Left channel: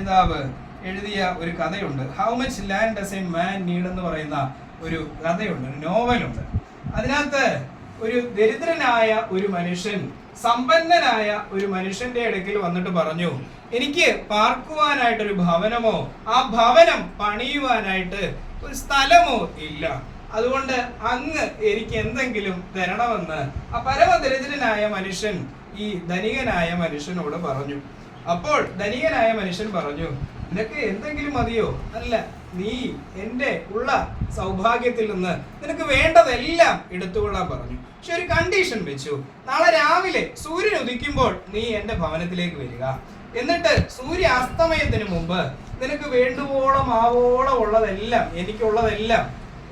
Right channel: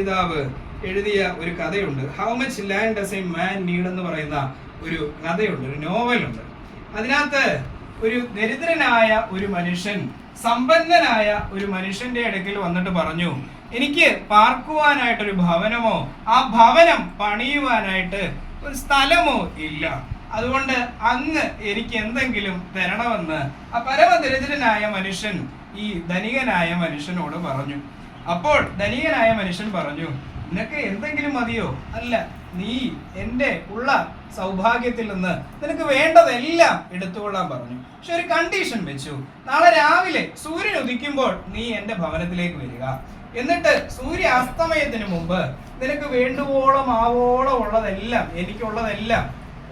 രചയിതാവ് എഴുതിയ ഒരു കഥയുണ്ട്. How much land does a man need എന്ന് പറയുന്ന ഒരു കഥയുണ്ട്, ഒരു നോവലുണ്ട്. അതിനകത്ത് ഒരു ദരിദ്രനായ ഒരു മനുഷ്യൻ സമ്പന്നനായ ഒരു മനുഷ്യന്റെ അടുക്കൽ വന്നിട്ട് പറഞ്ഞു, എനിക്ക് പാർക്കുവാനായിട്ടൊരു ഭവനമോ ആ ഭവനം പണിയുവാനായിട്ട് ഒരു സ്ഥലമോ ഇല്ല, അതുകൊണ്ട് അങ്ങ് എനിക്ക് എന്തെങ്കിലും തരണമെന്ന് ആ പരമദരിദ്രനായ മനുഷ്യൻ ഈ ധനികനായ മനുഷ്യനോട് പറഞ്ഞു. അപ്പോൾ ധനികനായ മനുഷ്യൻ പറഞ്ഞു, നിനക്ക് എന്തെങ്കിലും മതിയോ? അല്ല, നീ എൻ്റെ ഉള്ള സൗഭാഗ്യത്തിൽ നിന്ന് നിനക്ക് വേണ്ടതെല്ലാം എടുത്തുകൊള്ളാൻ പറഞ്ഞു. പക്ഷെ ഒരു കണ്ടീഷൻ വെച്ചു, നാളെ രാവിലെ സൂര്യൻ ഉദിക്കുമ്പോൾ നീ എൻ്റെ ഭവനത്തിലേക്ക് വരിക, എന്നിട്ട് സൂര്യ അസ്തമയത്തിന് മുമ്പ് നിനക്ക് വേണ്ടുവോളം ആവോളം ഉള്ളതെല്ലാം, എനിക്കുള്ളതെല്ലാം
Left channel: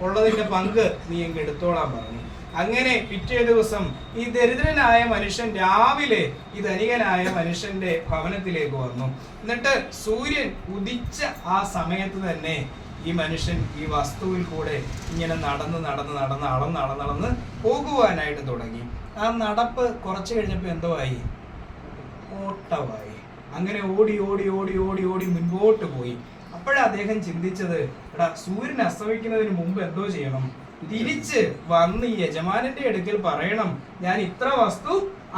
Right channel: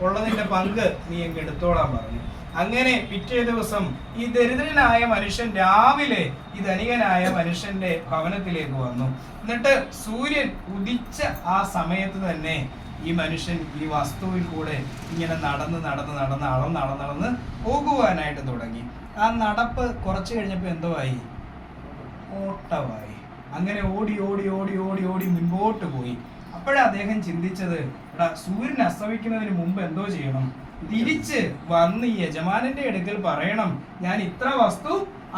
ഉള്ളതിൻ്റെ പങ്ക് നീ അങ്ങ് എടുത്തോളാൻ പറഞ്ഞു. അങ്ങനെ പിറ്റേ ദിവസം ഈ ദരിദ്രനായ മനുഷ്യൻ രാവിലെ ഈ ധനികനായ മനുഷ്യന്റെ ഭവനത്തിലേക്ക് വന്നു. എന്നിട്ട് സൂര്യൻ ഉദിച്ച ആ സമയത്ത് തന്നെ ഈ മനുഷ്യൻ ഈ വസ്തുവിൽ കൂടെ ഇങ്ങനെ നടന്ന് പോകുവാനായിട്ട് തുടങ്ങി. ആ നടപ്പ് കുറച്ച് കഴിഞ്ഞപ്പോൾ എന്തോ ആയി? ഓട്ടമായി. അങ്ങനെ ഓടി ഓടി ഓടി ഓടി ഓടി മുൻപോട്ട് പോയി. അപ്പോഴാണ് അദ്ദേഹം ചിന്തിച്ചത്, എടാ, സൂര്യൻ അസ്തമിക്കുന്നതിന് മുമ്പ് എന്തോ ചെയ്യണം? തിരിച്ച് വന്ന് ഈ യജമാനന്റെ അടുക്കൽ പറയണം, ഞാൻ ഇത്ര വസ്തു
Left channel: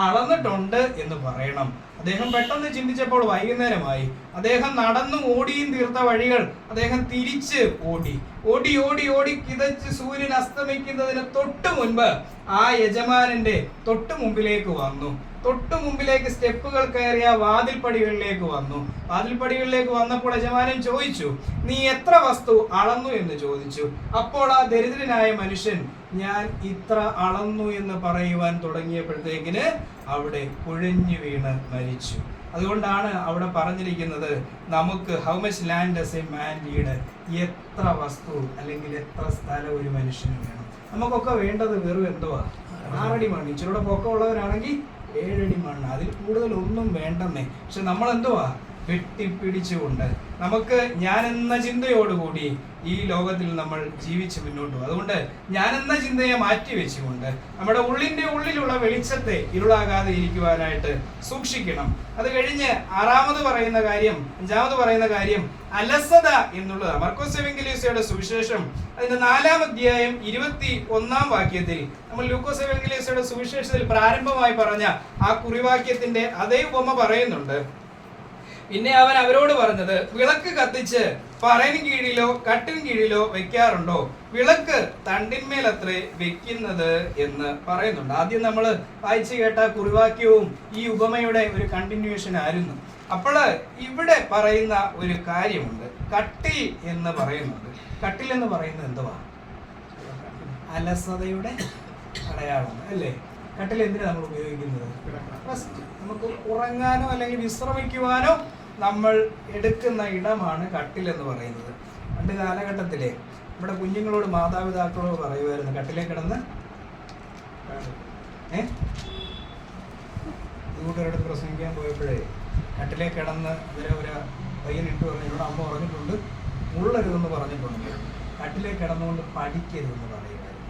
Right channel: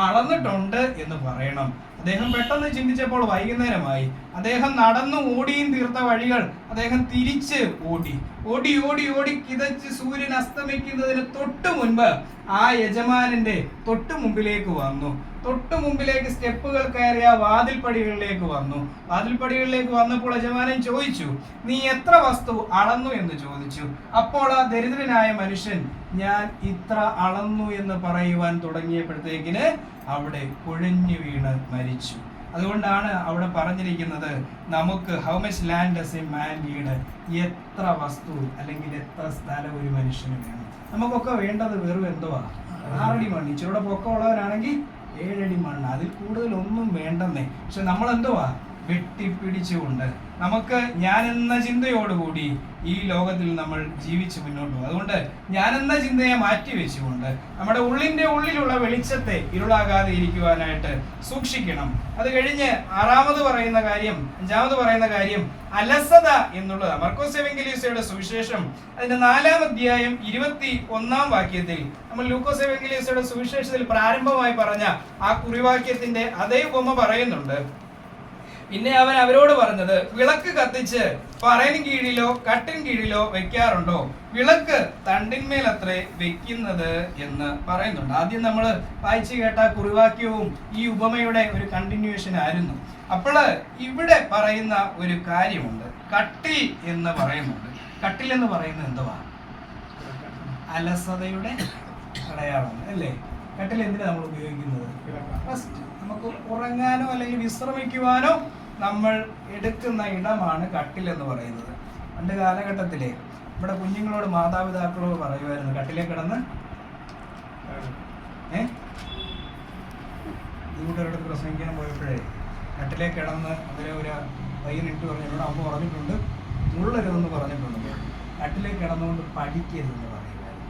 അളന്നിട്ടുണ്ട് എന്ന് പറയണം. അദ്ദേഹം പെട്ടെന്ന് ചിന്തിച്ചപ്പോൾ വൈകുന്നേരമായി. അദ്ദേഹം നടന്നു ഓടിയും തീർത്ത വഴികൾ അദ്ദേഹം തിരിച്ച് ഓടി ഓടി ഓടി ഓടി കിതച്ച് സൂര്യൻ അസ്തമിക്കുന്നതിന് തൊട്ട് മുൻപ് ആ യജമാനന്റെ തൊട്ട് മുമ്പിലേക്ക് വന്നു. തൊട്ട് മുമ്പിലേക്ക് സ്റ്റെപ്പുകൾ കയറിയ വാതിൽപ്പടികളിലേക്ക് വന്നു. വാതിൽപ്പടികളിലേക്ക് വന്നപ്പോൾ യജമാനൻ ചോദിച്ചു, നീ എത്ര വസ്തു അളന്നു എന്ന് ചോദിച്ചു. അപ്പോൾ ആ ദരിദ്രനായ മനുഷ്യൻ ഞാൻ ഇത്ര അളന്നു എന്ന് പറയുവാൻ തുടങ്ങിയപ്പോഴത്തേക്കിന് അവിടെ കുഴഞ്ഞു വീണ് മരിച്ചു. അതുകൊണ്ടാണ് അവിടെ പറഞ്ഞിരിക്കുന്നത്, നമുക്ക് how much land does a man need, എത്ര വസ്തു അല്ലെങ്കിൽ എത്ര സ്ഥലം ഒരു മനുഷ്യന് വേണം. നമുക്കൊക്കെ വേണ്ടത് വെറും എന്തുവാ? 6 അടി മണ്ണ്. ഇച്ചിരൂടെ പൊക്കമുള്ളവനാണെങ്കിൽ 7 അടി മണ്ണ്, അതിൽ കൂടുതൽ ഒന്നും വേണ്ടെന്നേ. പക്ഷെ നമ്മൾ എന്തുവാ? വെട്ടിപ്പിടിച്ചുകൊണ്ട് നമുക്ക് ഞാനെന്ന ചിന്തയോടുകൂടി ഈ ലോകത്തിൽ നമ്മൾ ജീവിച്ച് മുന്നോട്ട് പോകും. അതുകൊണ്ട് ഞാനെന്ന ചിന്തയെ മാറ്റി വെച്ചുകൊണ്ട് നമ്മുടെ ഉള്ളിൻ്റെ ഉള്ളിലുള്ള വെളിച്ചത്തെ ഇരുളാകാതെ ഇരിക്കുവാനായിട്ട് സൂക്ഷിക്കണം. അത് കഴിഞ്ഞ് 5ാമത് പറയുന്ന കാര്യം അലസത എന്നുള്ളതാണ്. മർക്കോസ് എവങ്കേലിയോസയുടെ സുവിശേഷം അതിന്റെ 4-ാം അധ്യായം 21-ാം വാക്യത്തിൽ നമ്മൾ ലൂക്കോസ് എവങ്കേലിയോസയുടെ സുവിശേഷത്തിൽ പ്രാരംഭമായി പറഞ്ഞ ആ കുറിവാക്യത്തിന്റെ അതേ ഉപമ പറയുന്നുണ്ട്. പിന്നെ അവൻ അവരോട് പറഞ്ഞത്, വിളക്ക് കത്തിച്ച് പറയിൻ കീഴിലോ കട്ടിൻ കീഴിലോ വെക്കാറുണ്ടോ? വിളക്ക് തണ്ടിന്മേലത്രേ വെക്കുന്നത് എന്ന് പറയുന്നുണ്ട്. ആദ്യം നമ്മൾ വായിച്ചു കേട്ട കുറിവാക്യവും ഈ ഉപമയുടെ ഒരു കണ്ടിന്യൂവേഷൻ ആയിരുന്നു. അപ്പോൾ ഇവിടെ പറയുന്ന ഒരു കാര്യമുണ്ട്, കട്ടിൽ എന്ന് പറയുന്നുണ്ട്. കട്ടിൽ എന്ന് പറയുന്നത് എന്തുവാ? അലസതയുടെ അടയാളമാണ്, അല്ലേ? കട്ടിൽ എന്തിനാണ് നമ്മൾ ഉപയോഗിക്കുന്നത്? ഫസ്റ്റ് നമുക്ക് ഉറങ്ങാനോ അല്ലെങ്കിൽ വിശ്രമിക്കുവാനോ നമ്മൾ എടുക്കുന്ന ഇടമാണ് കട്ടിൽ എന്ന് പറയുന്നത്. പണ്ട് കാലഘട്ടത്തിലെ നമ്മുടെ കുഞ്ഞുങ്ങളോട് മാതാപിതാക്കളോട് പറയുമായിരുന്നു, കട്ടിലേ കിടന്ന് ഈ കൂട്ടരോട് പ്രസംഗിക്കാൻ പോയപ്പോഴേ കട്ടിലേ കിടന്ന് അതിലെ ഒരു പയ്യനിട്ട് പറഞ്ഞു, എന്നോട് അമ്മ പറഞ്ഞിട്ടുണ്ട്, മുള്ളരുതെന്ന് പറഞ്ഞിട്ടുണ്ട്, കട്ടിലേ കിടന്നുകൊണ്ട് പഠിക്കരുതെന്ന് പറയുമായിരുന്നു.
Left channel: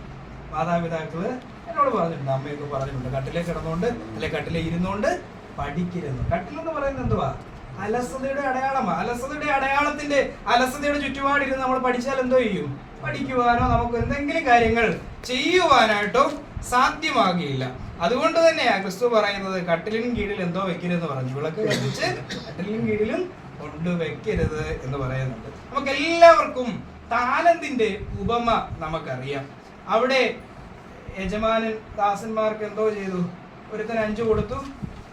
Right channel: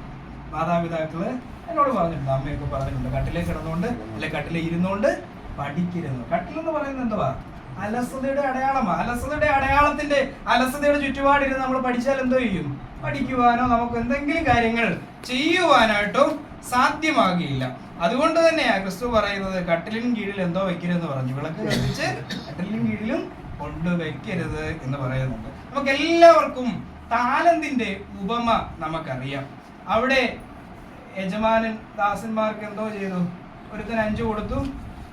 മാതാപിതാക്കള് എന്നോട് പറഞ്ഞിട്ടുണ്ട്, അമ്മയൊക്കെ പറഞ്ഞിട്ടുണ്ട്, കട്ടിലേ കിടന്നുകൊണ്ട് അല്ലെ കട്ടിലേ ഇരുന്നുകൊണ്ട് പഠിക്കരുതെന്ന്. കട്ടിലെന്ന് പറയുന്നത് എന്തുവാ? അലസതയുടെ അടയാളമാണ്. അലസതയുടെ ചുറ്റുപാടിരുന്ന് നമ്മൾ പഠിച്ചാൽ എന്തോ ചെയ്യും? പഠിക്കുവാനോ നമുക്ക് എന്തെങ്കിലും കാര്യങ്ങൾ ചെയ്യുവാനായിട്ടോ സാധ്യമാകില്ല. അതുകൊണ്ട് തന്നെയാണ് ക്രിസ്തു പറയുന്നത്, കട്ടിലിന് കീഴിൽ എന്തോ വെക്കരുതെന്ന് പറഞ്ഞു. വിളക്ക് കത്തിച്ച് കട്ടിലിന് കീഴിലും കൊണ്ടുവയ്ക്കരുത് എന്ന് പറയുന്നുണ്ട്. നമുക്ക് എല്ലാവർക്കും താലന്തിന്റെ ഉപമ നമുക്കറിയാം. അവിടെ യജമാനൻ ദാസന്മാർക്ക് എന്തോ ചെയ്തു? ഒരുത്തന് 5 കൊടുത്തു,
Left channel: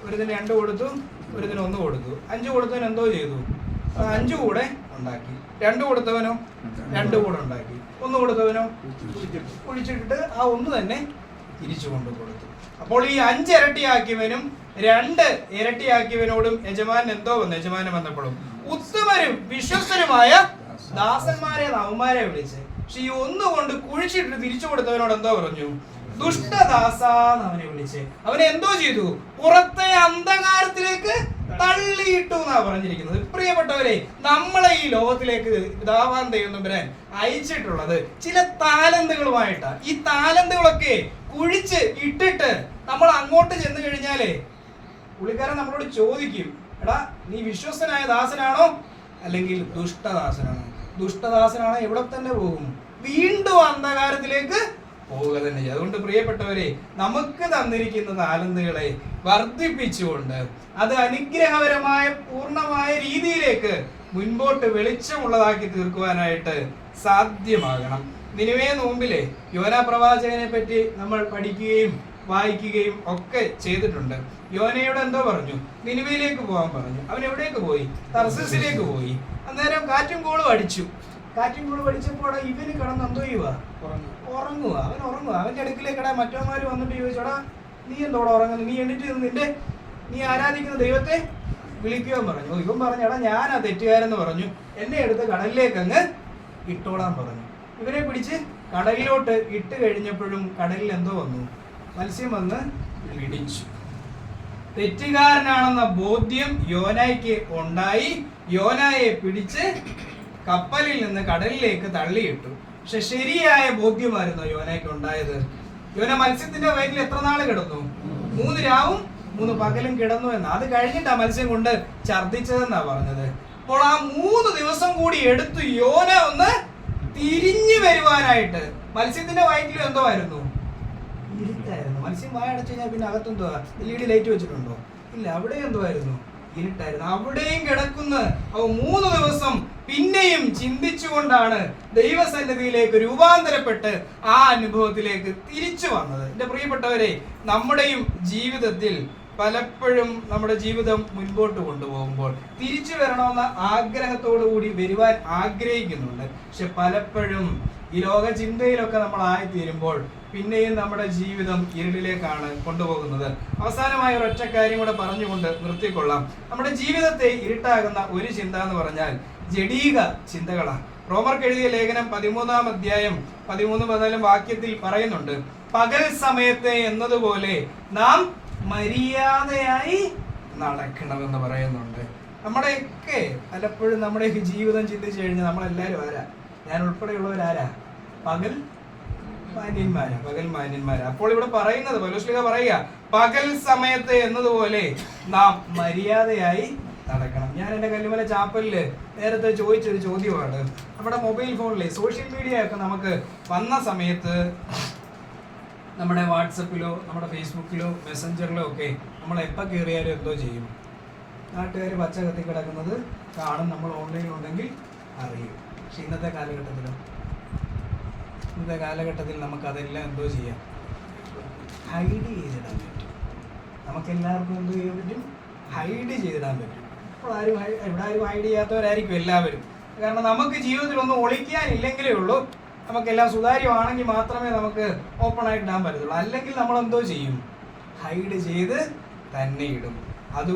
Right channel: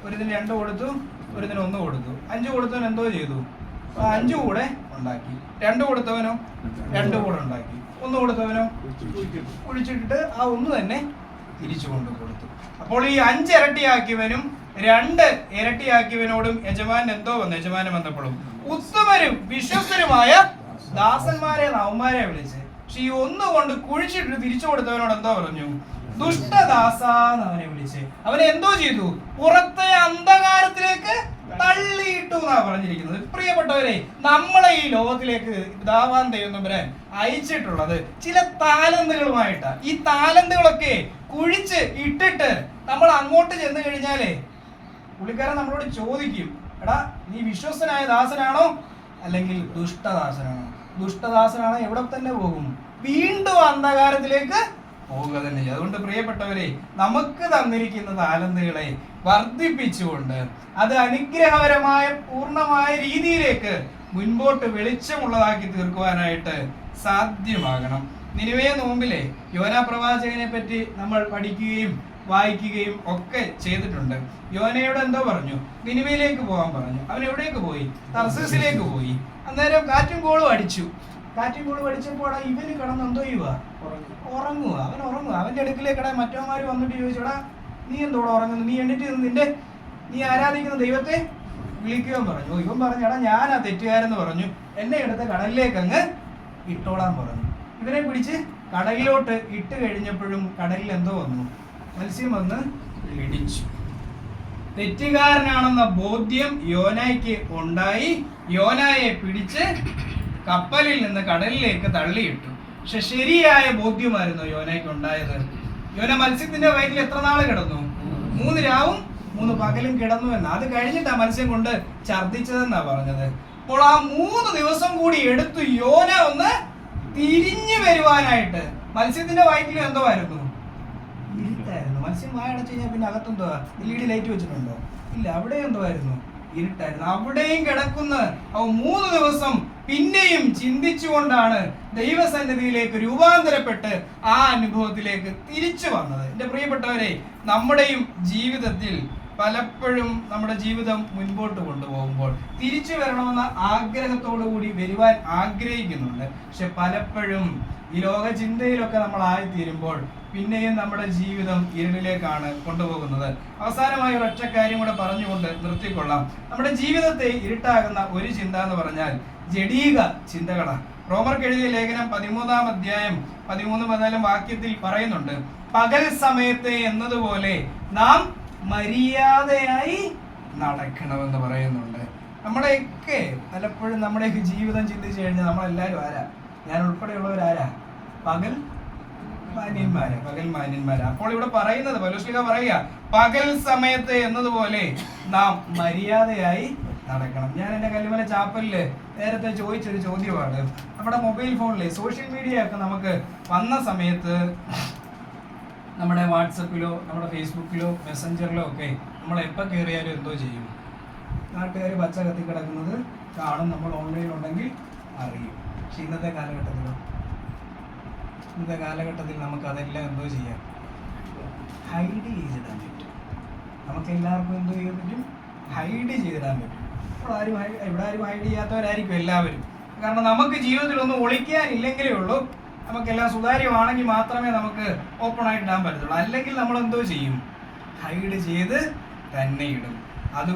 ഒരുത്തന് 2 കൊടുത്തു, ഒരുത്തന് 1 കൊടുത്തു. 5 കൊടുത്തവൻ എന്തോ ചെയ്തു? 5 കൂടെ ഉണ്ടാക്കി. 2 കൊടുത്തവനോ 2 കൂടെ ഉണ്ടാക്കി. 1 കൊടുത്തവനോ കുഴിച്ചിട്ടിട്ട് ആ 1 തന്നെ തിരിച്ചു കൊണ്ട് കൊടുത്തു. അപ്പോൾ ഈ 5 ഇരട്ടിയാക്കിയവനും 2 ഇരട്ടിയാക്കിയവനോടും യജമാനൻ വന്നപ്പോഴും ഉത്തമരും വിശ്വസ്തരുമായ ദാസന്മാരെ അവന്മാരെ വിളിച്ച്, പക്ഷെ ഈ 1 കൊണ്ട് കുഴിച്ചിട്ട് തിരിച്ചു കൊടുത്തവനോട് എന്തോ പറഞ്ഞു? ദുഷ്ടദാസാന്ന് അവനെ വിളിച്ച് അവനെ എന്തോ ചെയ്തു? പുറത്തെ അന്ധകാരത്തിലേക്ക് തള്ളിയിട്ടു എന്നാ പറഞ്ഞിരിക്കുന്നത്. പ്രിയപ്പെട്ടവരെ, നമ്മളെ ഈ ലോകത്തിലേക്ക് പിതാവാൻ ദൈവം തമ്പുരാൻ അയച്ചിട്ടുള്ളത് ചില താലന്തുകളുമായിട്ടാ. ഈ താലന്തുകളൊക്കെ കുഴിച്ച് ഇട്ടിട്ട് നമ്മൾ അങ്ങോട്ട് ചെന്ന് കഴിഞ്ഞാലേ പുള്ളിക്കാരൻ നമ്മളോട് ചോദിക്കും, എടാ നീ വിശ്വസ്തനായ ദാസനാണോ അല്ലെങ്കിൽ ദുഷ്ടദാസനാണ്. ദുഷ്ടദാസനാണ് എവിടെ തന്നെ പോകും? വീണ്ടും അന്ധകാരത്തിലേക്ക് പോവുക തന്നെ ചെയ്യും. അതുകൊണ്ട് പ്രിയപ്പെട്ടവരെ, നമുക്ക് തന്നിരിക്കുന്ന താലന്തുകളെ വർദ്ധിപ്പിച്ചുകൊണ്ട് അത് അനുഗ്രഹപരമായ പൂർണ്ണമായ രീതിയിലേക്ക് മുൻപോട്ട് വെളിച്ചമുള്ളതാക്കി തീർക്കുവാനായിട്ട് സാധ്യമാകണം. നിനിവേ നോമ്പിലെ യോനാ പ്രവാചകനെ പറ്റി നമ്മൾ പഠിക്കുകയും വായിക്കുകയും ഒക്കെ ചെയ്തിട്ടുണ്ട്. യോനയോട് എന്തോ പറഞ്ഞു? നിനിവയിലേക്ക് പോകാൻ പറഞ്ഞു. അവൻ എവിടേക്ക് പോയി? തർസീസിലേക്ക് പോയി. അന്നേരം കാറ്റും കോളും അടിച്ചു. കാറ്റും കോളും അടിച്ചപ്പോൾ ഇവന് കിടന്ന് എന്തോ ചെയ്യുക? ഉറങ്ങുക. അവൻ ഉറങ്ങുക. അവന്റെ അടുക്കിലേക്കടാ മറ്റവന്മാര് വന്നിട്ട് ചോദിച്ചോടാ, നീ എന്തോടെ ഉറങ്ങുന്നു? നീ എണ്ണിട്ട് നീ ആരാധിക്കുന്ന ദൈവത്തെ വിളിക്കുവാൻ പറഞ്ഞു. ഇവൻ പറഞ്ഞു, എടാ ഞാനാ തെറ്റുകാരെന്ന് പറഞ്ഞു. എന്നെ എടുത്ത് കടലിലേക്ക് അങ്ങ് ഇട്ടോളാൻ പറഞ്ഞു. ഇവനെ പിടിച്ച് കടലിലോട്ട് ഇട്ട് കഴിഞ്ഞപ്പോഴും കടലിൽ എന്തോ വന്നു? മത്സ്യം വന്ന് ഇടിച്ചു. തെറ്റുകാരനാണെന്ന ബോധ്യം യോനായ്ക്ക് ഉണ്ടായി. യോനായെ പിടിച്ച് കപ്പലിൽ നിന്ന് കടലിലേക്ക് തള്ളിയിട്ടു. പക്ഷെ ശരിയായ ബോധ്യമായിരുന്നു യോനായ്ക്ക് ഉണ്ടായത്. യോന മത്സ്യത്തിന്റെ വയറ്റിൽ എത്ര നാള് കിടന്നു? 3 രാവും 3 പകലും കിടന്നു എന്ന്. അത് കഴിഞ്ഞിട്ടാ മത്സ്യം കൊണ്ട് ഛർദ്ദിച്ചതെന്നാ പറഞ്ഞത്. അപ്പോൾ ആ 3 ദിവസം കൂടി എടുത്തു യോന ഒന്ന് തിരിഞ്ഞു വരുവാനായിട്ട്. മത്സ്യത്തിന്റെ വയറ്റിലും എന്തോ ആയിരുന്നു? ഇരുട്ടായിരുന്നു. മത്സ്യം വായടച്ചു കഴിഞ്ഞാൽ പിന്നെ അകത്തെന്തോ LED ലൈറ്റ് വെച്ചിട്ടുണ്ടോ? ഇല്ല. അവിടെ എന്തോ ആയിരുന്നു? ഇരുട്ടായിരുന്നു. അവിടെയും കിടക്കുന്ന 3 ദിവസം പിന്നെയും ചിന്തിച്ചുകൊണ്ടാണ് ദൈവസന്നിധിയിലേക്ക് രൂപാന്തരപ്പെട്ട് ആ അനുഭവത്തിലേക്ക് തിരിച്ചു വന്നത്. എൻ്റെ പ്രിയപ്പെട്ടവരെ, നമ്മുടെയും ജീവിതത്തിൽ പലപ്പോഴും നമ്മുടെ ജീവിതം മുൻപോട്ട് കൊണ്ടുപോകുമ്പോൾ തിരിച്ചു വരണമെന്ന ആഗ്രഹത്തോടു കൂടി വരുവാൻ ആഗ്രഹിക്കുന്നുണ്ട്. പക്ഷെ പലപ്പോഴും ഈ ലോക ചിന്തയിലൊക്കെ നമ്മൾ ആയിത്തീരുമ്പോൾ പിന്നെയും നമ്മുടെ ജീവിതം ഇരുളിലേക്കാണ് കൊണ്ടുപോകുന്നത്. അവസാനമായി ഒരൊറ്റ കാര്യം കൂടെ പറഞ്ഞുകൊണ്ട് നിർത്തിക്കൊള്ളാം. നമ്മുടെ ജീവിതത്തെ ഇരുട്ടാകുന്ന ഒരു ചിന്ത എന്ന് പറഞ്ഞാൽ ജഡീക ചിന്തകളാണ്. റോമർക്ക് എഴുതിയ ലേഖനം 13-ാം അധ്യായം 13-14 വാക്യത്തിൽ പറയുന്നുണ്ട്, പകൽ സമയത്തെ എന്നതുപോലെ നാം മര്യാദയായി നടക്കണമെന്ന് പറയുന്നുണ്ട്. നമ്മുടെയൊക്കെ പലപ്പോഴും നമ്മുടെയൊക്കെ ജീവിതം ചിന്തിച്ചു കഴിഞ്ഞാൽ നമ്മളെല്ലാവരും ആരാ? ഞാൻ ഉൾപ്പെടെയുള്ളവരാരാ? പകൽ മാന്യന്മാരാ. അപ്പോൾ ഇവിടെ പറയുന്നത്, പൗലോസ് പറയുക, പകൽ സമയത്ത് എന്നതുപോലെ നാം മര്യാദയായി നടക്കണം. ഞാൻ എൻ്റെ കല്ലുമല ചാപ്പലില് നേരത്തെ ചോദിച്ചൊരു ചോദ്യമാണ്. നമ്മുടെ മൊബൈൽ ഫോണിലെ സോഷ്യൽ മീഡിയ ഒക്കെ നമുക്ക് വന്ന സമയത്ത് നമ്മുടെ വാട്സപ്പിലോ നമ്മുടെ ഫേസ്ബുക്കിലോ മെസ്സഞ്ചറിലോ ഒക്കെ നമ്മൾ എപ്പോൾ കയറിയാലും എന്തോ ചെയ്യും? നാട്ടുകാർ പച്ച കത്തി കിടക്കുന്നത് കാണും, നമ്മൾ ഓൺലൈൻ ഉണ്ടെങ്കിൽ അറിയും. പക്ഷെ ഇന്നത്തെ കാലഘട്ടത്തിൽ നമുക്കതെല്ലാം എന്തോ ചെയ്യാം? ഹൈഡ് ചെയ്തിടാൻ പറ്റും. നമുക്കെല്ലാവർക്കും എന്തോ ചെയ്യാൻ പറ്റും? ഹൈഡ് ചെയ്തിടാൻ പറ്റും. അപ്പോൾ ഇവിടെ ആരും ഹൈഡ് ചെയ്യാത്തവരായിരിക്കും എല്ലാവരും. കാരണം നമുക്ക് ജീവിതത്തിൽ ഒന്നും ഒളിക്കാനില്ലെങ്കിലേ ഉള്ളൂ. നമുക്കെല്ലാം സുതാര്യമാണെങ്കിൽ മാത്രമേ നമുക്ക് ഓപ്പൺ ആയിട്ട് ഇടാൻ പറ്റത്തുള്ളൂ. അല്ലെങ്കിൽ നമ്മൾ എന്തോ ചെയ്യും? ഹൈഡ് ചെയ്ത് തന്നെ ഇടും. അത്